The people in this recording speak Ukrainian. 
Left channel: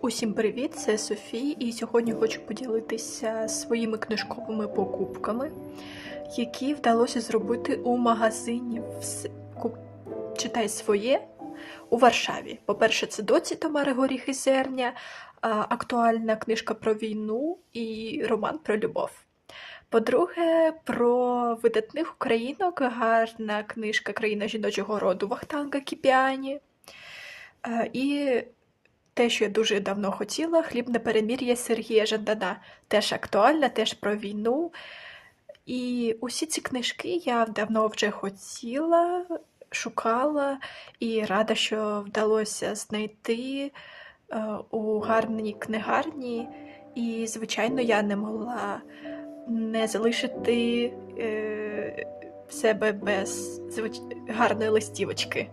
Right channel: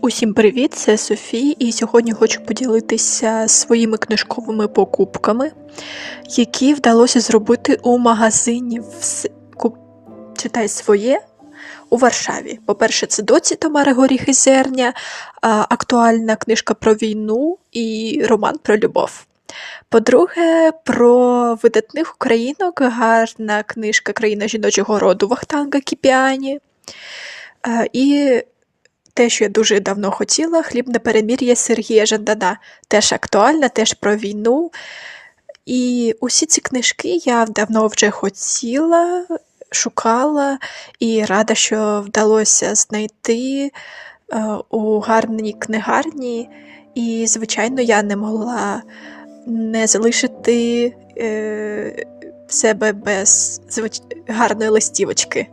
Усім привіт! Це Софія, і сьогодні хочу поділитися своїми книжковими покупками, які вдалося зробити у магазині «Вс- Читай своє у Варшаві. По-перше, це доці Тамари Горіх і Зерня, актуальна книжка про війну і роман про любов. По-друге, про видатних українок, гарна книжка Країна жіночого роду Вахтанга Кіпіані. Е, І те, що я дуже давно хотіла, хлібне перемір'я Сергія Жандана. Теж актуальна, теж про війну. І усі ці книжки я давно вже хотіла, шукала і рада, що вдалося знайти е, у гарній книгарні. І, звичайно, я не могла не залишити е, себе без гарної листівочки.